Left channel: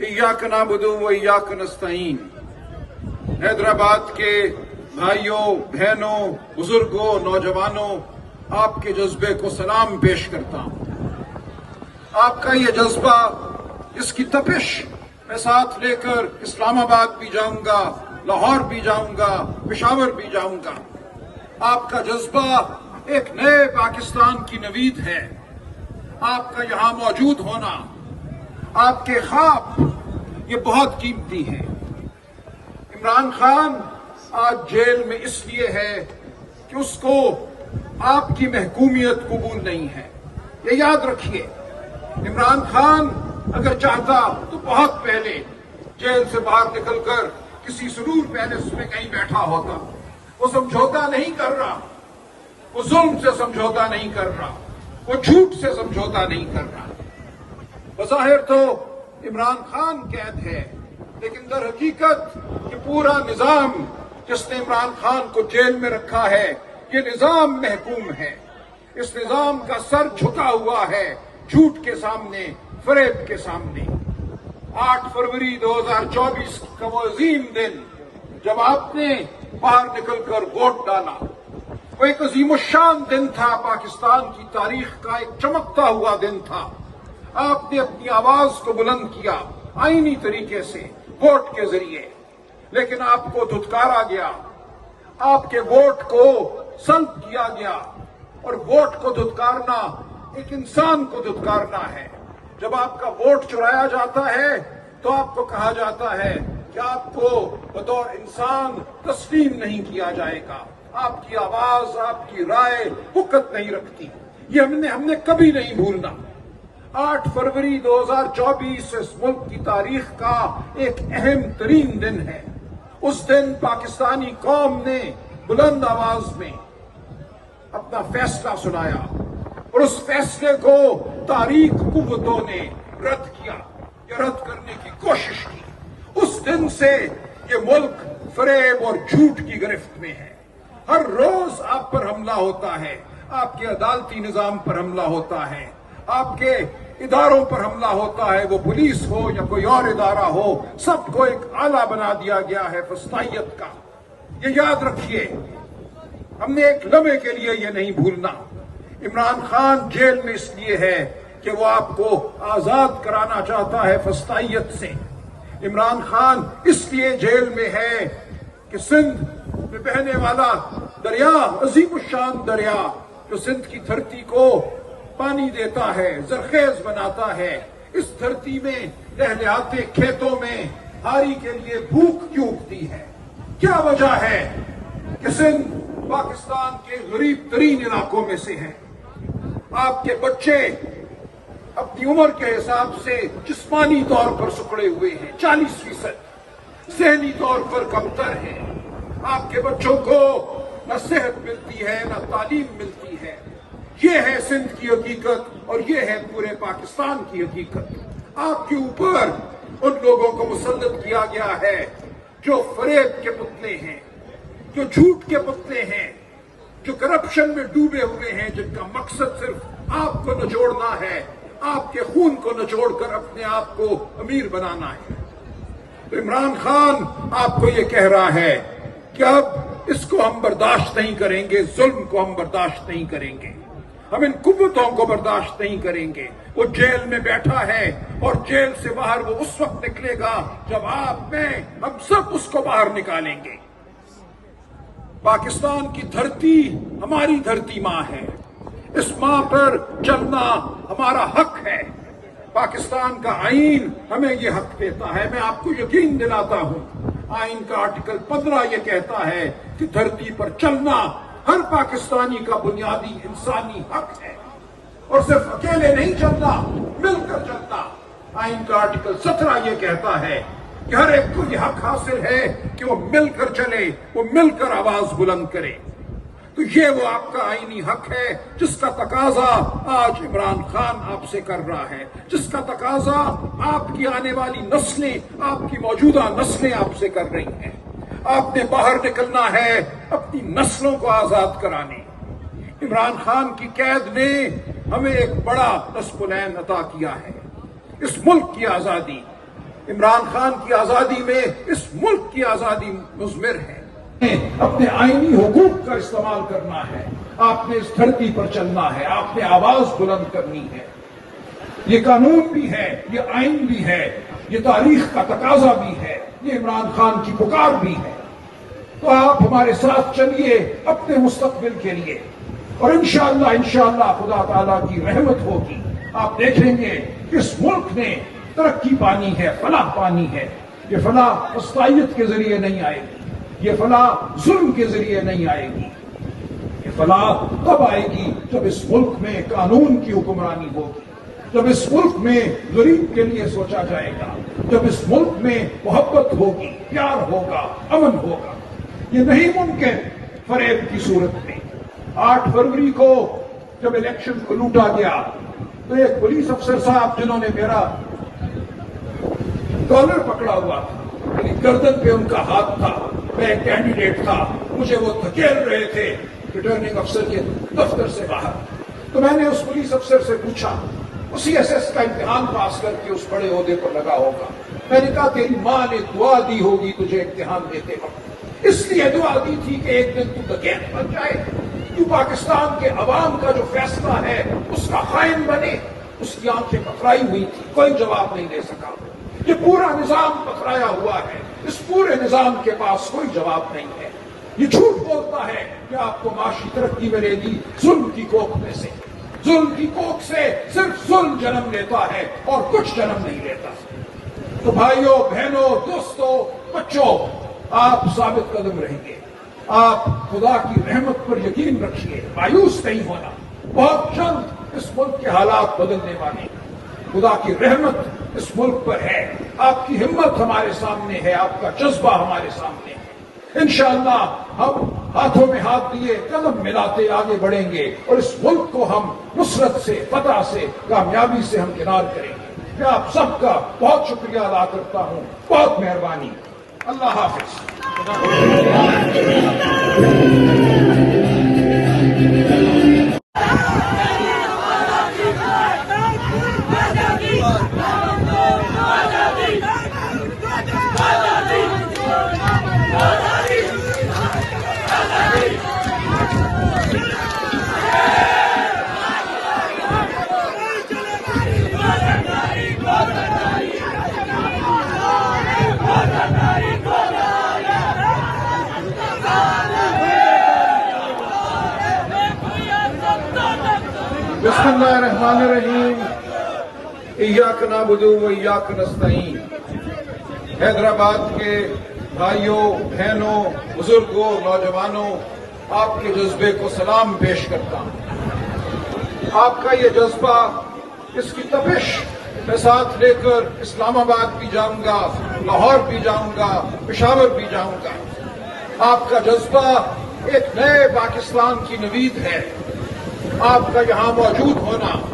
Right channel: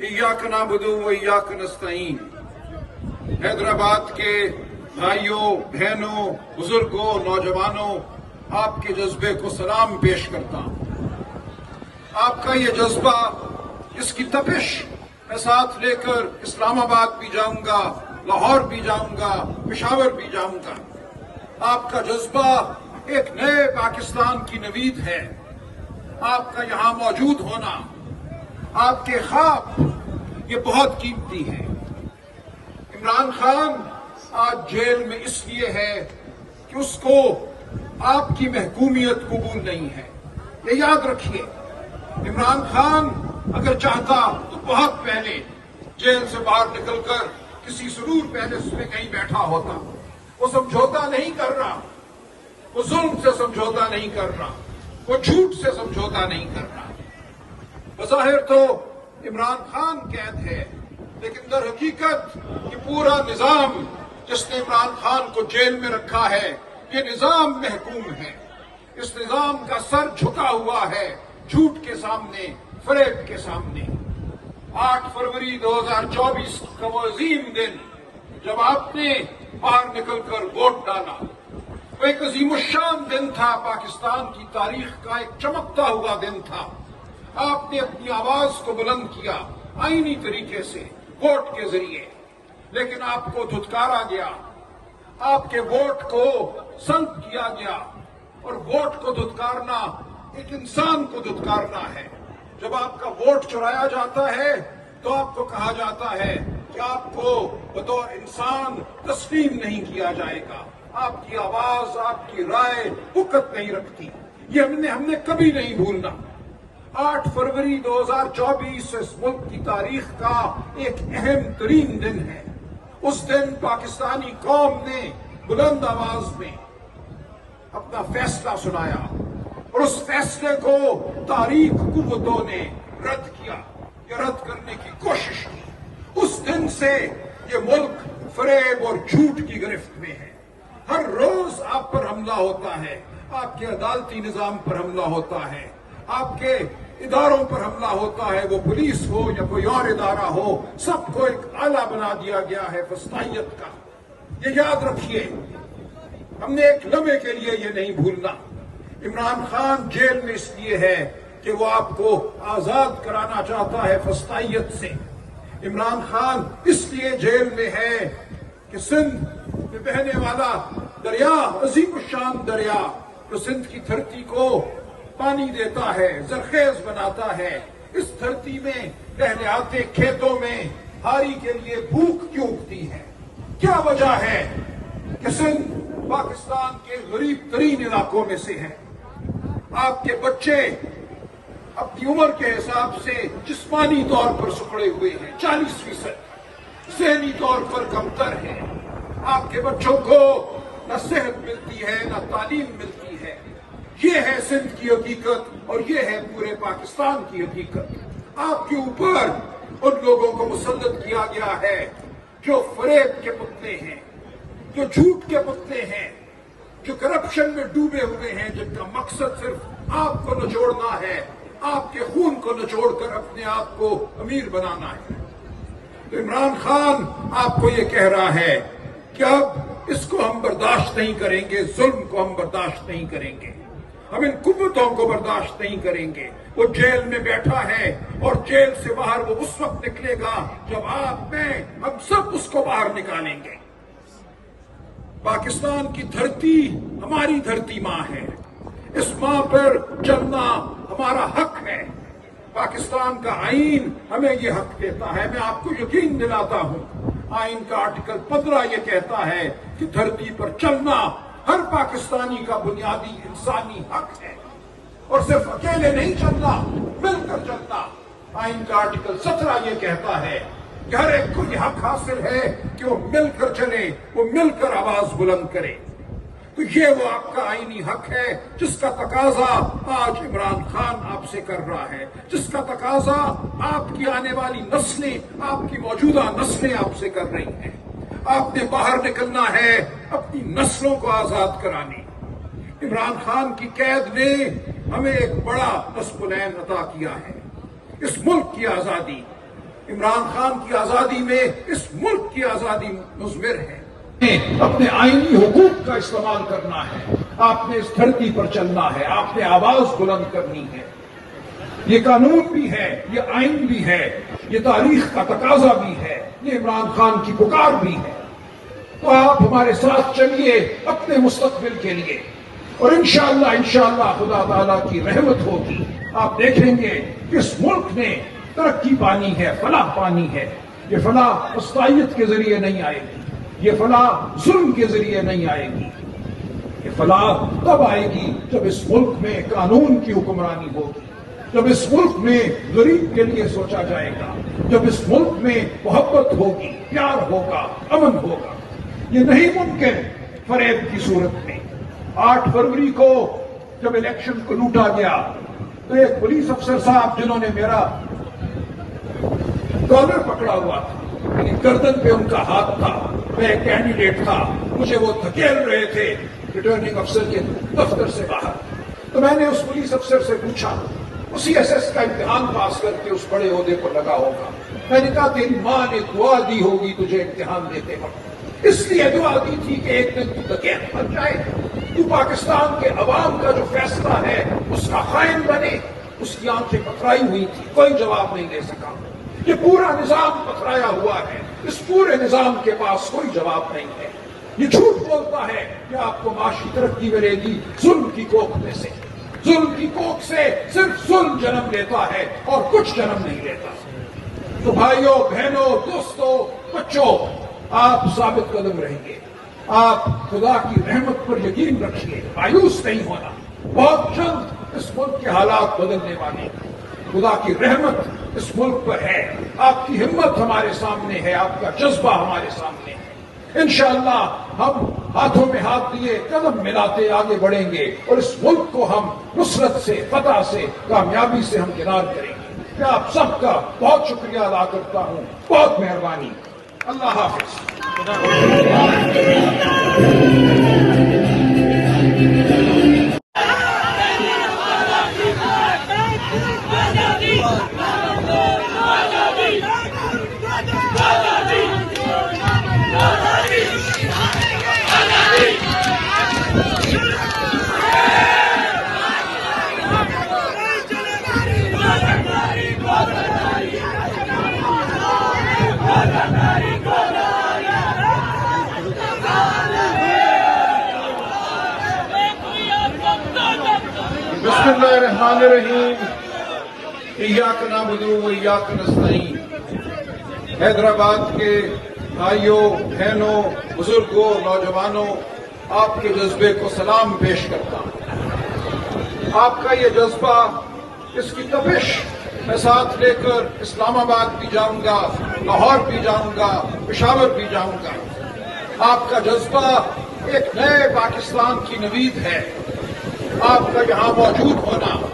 इय्याक नअबुदु व इय्याक नस्तईन। हैदराबाद के भाइयों, बहनों, बुजुर्गों, नौजवानों, आपके जज्बे को सलाम पेश करता हूं। आपका ये जज्बा, इसकी तपिश मैं साथ लेकर इस्लामाबाद भी जाऊंगा, लाहौर भी जाऊंगा, पेशावर भी जाऊंगा। आपका जज्बा एक नए पाकिस्तान की नवीद है। आपका यहां मौजूद होना, आपके ख्वाब, ये बहुत कीमती है। इमरान खान आज जेल में इसलिए है कि उसको आपकी महकूमियत कबूल नहीं है। ये याद रखिए, इमरान खान अगर चाहता तो बहुत पहले जेल से बाहर निकलकर किसी सुरूर पैलेस में कहीं बैठा होता। वो समझौता नहीं कर रहा, वो जुल्म से समझौता नहीं कर रहा, वो झूठ से समझौता नहीं कर रहा। बज़ाहिर तो इमरान खान कैद है, लेकिन दर हकीकत ये पूरा निजाम जिसने इमरान खान को जेल में रखा है, ये निजाम महकूम है। इस निजाम का सर झुका हुआ है झूठ के सामने, फरेब के सामने। 8 फरवरी 2024 का वो अजीम दिन जब आपने बाहर निकलकर वोट डाला, वो एक अजीमुश्शान दिन था, पाकिस्तान की तारीख का एक चमकता हुआ दिन था। आपने अपनी आवाज को बुलंद किया आईनी तरीके से, वोट के जरिए, लेकिन आपको धुतकारा गया, आपके वोट को संत किया गया। और वोट को धुतकारना एक इंसान को धुतकारना है। जब आपका वोट चुराया जाता है तो आपको कहा जाता है कि आपको बतौर इंसान तस्लीम नहीं किया जाएगा, आपकी आवाज, आपकी राय हुक्कत नहीं रखती। ये हमने कभी नहीं भूलना। 8 फरवरी 2024 इस मुल्क की तारीख का एक अहम तरीन दिन है। उस दिन पाकिस्तानी कौम ने बुलंद आवाज में अपना फैसला सुनाया और उस फैसले को तारीख कुव्वतों ने रद्द किया या रद्द करने की कोशिश की। उस दिन से ये मुल्क फरेब और झूठ की गिरफ्त में है। हर रोज आप पर हमला होता है, आपके अदालती निजाम पर हमला होता है, आपके इदारों पर हमला होता है, वो पुलिस हो या कोई और इदारा हो, सबको एक आला बना दिया गया है फस्तायत का। ये याद रखिए, हमने एक लम्हे के लिए ये नहीं भूलना। इमरान खान जेल में इसलिए है कि वो आपको आजाद कराना चाहता है फस्तायत से। इमरान खान इसलिए जेल में है कि सिंध में बहने वाला दरिया, अजीमुश्शान दरिया, जो सिंध की धरती को पानी देता है, जरखेज बनाता है, इस धरती में लहलहाते खेतों में हारी के लिए भूख क्यों उगती है? क्या वजह है कि सिंध पाकिस्तान के गरीब तरीन इलाकों में से है? आपके बच्चे अपनी उम्र के हिसाब से जिस्मानी तौर पर सुकड़े हुए हैं, 40%, ज़हनी तौर पर कमतर है। आपके बच्चों को न सेहत मिलती है, न तालीम मिलती है। ये है सिंध की हकीकत और ये है पूरे पाकिस्तान की हकीकत। आपके ऊपर उन लोगों को मुसल्लत किया गया है जो फरेब के पुतले हैं, जो झूठ के पुतले हैं, जो करप्शन में डूबे हुए हैं, जिनका मकसद सिर्फ आपको निचोड़ना है, आपके खून को निचोड़कर अपने आप को अमीर बनाना है। तो इमरान खान आपको ये कह रहा है कि अब इसको हम बर्दाश्त नहीं करेंगे, जुल्म को हम बर्दाश्त नहीं करेंगे, हम इन कुव्वतों को बर्दाश्त नहीं करेंगे। वो जेल में बैठा है और जेल से बाहर वो उस वक्त निकलेगा जब आप, मैं, हम सब उसको बाहर निकालेंगे। पाकिस्तान की धरती हमारी धरती माँ है, इस माँ पर चलना हमारा हक है। पाकिस्तान का आईन हमें ये हक देता है। मैं आपको यकीन दिलाता हूँ, आईन का आर्टिकल 15 ये कहता है कि धरती पर चलना हर पाकिस्तानी का बुनियादी इंसानी हक है, और सिर्फ अकेले नहीं चलना, मिलकर चलना। आईन का आर्टिकल 17 ये कहता है कि हर एक को यह हक हासिल है कि वो मिलकर चले, वो मिलकर आवाज बुलंद करे। तो ये वो आपका आईनी हक है जिसका तकाजा आज इमरान खान आपसे कर रहा है, जिसका तकाजा आपकी आने वाली नस्लें, आपकी मौजूदा नस्लें आपसे कर रही हैं। आपने बाहर निकलना है अपनी नस्लों को आजाद कराने। इमरान खान की कैद ने हमें एक बड़ा नस्बुलैन अता किया है। इस मुल्क की आजादी, عمران خان کی آزادی میں اس ملک کی آزادی مضمر ہے۔ اپنے آئینی حقوق کا استعمال کرنا ہے، آپ نے اس دھرتی پر چلنا ہے، آپ نے آواز بلند کرنی ہے۔ یہ قانون بھی ہے، یہ آئین بھی ہے، یہ تاریخ کا تقاضا بھی ہے، یہ عمران خان کی پکار بھی ہے۔ تو آپ ہمارے ساتھ چلیے اپنے مستقبل کے لیے، اور انشاءاللہ خدا تعالیٰ کی رحمت ہوگی۔ آپ دیکھیں گے کہ اس ملک نے ترقی پانی ہے، فلاح پانی ہے۔ یہ فلاح وسطیت کے ذریعے نہیں آئے گی، یہ فلاح ظلم کے ذریعے نہیں آئے گی۔ یہ فلاح کب آئے گی؟ جب اس ملک میں قانون کی حکمرانی ہوگی، جب اس ملک میں غریب کے لیے سوچا جائے گا، جب اس ملک میں محبت ہوگی، پیار ہوگا، امن ہوگا۔ یہ نہیں ممکن فریب کی صورت میں۔ 8 فروری کو جب الیکشن کو لوٹا گیا تو ایک پولیس افسر صاحب جنہوں نے میرا کالر پکڑا ہوا تھا، میری گردن پہ ان کا ہاتھ تھا، میں ایک کینڈیڈیٹ تھا، مجھے وہ دھکیل رہے تھے ریٹرننگ افسر کے دفتر سے باہر۔ تو میں نے اس پولیس افسر سے پوچھا، اسی ایس ایس کا امتحان پاس کر کے اس بڑے عہدے پر لگا ہوگا، میں نے کہا تیری ماں نے دعا دی ہوگی تجھے امتحان دیتے وقت، اس لیے دعا دی تھی کہ ایک دن تو دھکیل بن جائے، تو پاکستان کے عوام کا جو فیصلہ ہے اس کا خائن بنے۔ اس کی آنکھیں پتھرائی ہوئی تھی، کوئی جواب نہیں دے سکا۔ یہ پورا نظام پتھرایا ہوا ہے، اس پورے نظام کے پاس کوئی جواب نہیں ہے۔ یہ جھوٹ بولتا ہے کہ آپ کو معاشی ترقی ملے گی ظلم کی کوکھ میں سے۔ ظلم کی کوکھ سے صرف ظلم جنم لیتا ہے اور کچھ جنم نہیں لیتا۔ تو بھائیوں، بہنوں، دوستوں، بچوں، آپ ثابت قدم رہیں گے۔ آپ خدا کی رحمت پر یقین رکھیے، مایوس نہیں ہونا۔ بہت جلد اس ملک کے حالات بدلنے والے ہیں۔ خدا کی رحمت اس ملک پر ہے، آپ کی ہمت ہمارے سامنے ہے، آپ کا جذبہ ہمارے سامنے ہے۔ انشاءاللہ ہم ہاتھوں میں ہاتھ دیے قدم ملاتے آگے بڑھیں گے اور اس ملک کو ہم نصرت سے، فتح سے، کامیابی سے ہم کنار کریں گے۔ میں آپ سب کا بہت شکریہ ادا کرتا ہوں، بہت مہربانی۔ اللہ حافظ۔ بسم اللہ الرحمن الرحیم۔ ایاک نعبد و ایاک نستعین۔ حیدرآباد کے بھائیوں، بہنوں، بزرگوں، نوجوانوں، آپ کے جذبے کو سلام پیش کرتا ہوں۔ آپ کا یہ جذبہ، اس کی تپش میں ساتھ لے کر اسلام آباد بھی جاؤں گا، لاہور بھی جاؤں گا، پشاور بھی جاؤں گا۔ آپ کا جذبہ ایک نئے پاکستان کی نوید ہے۔ آپ کا یہاں موجود ہونا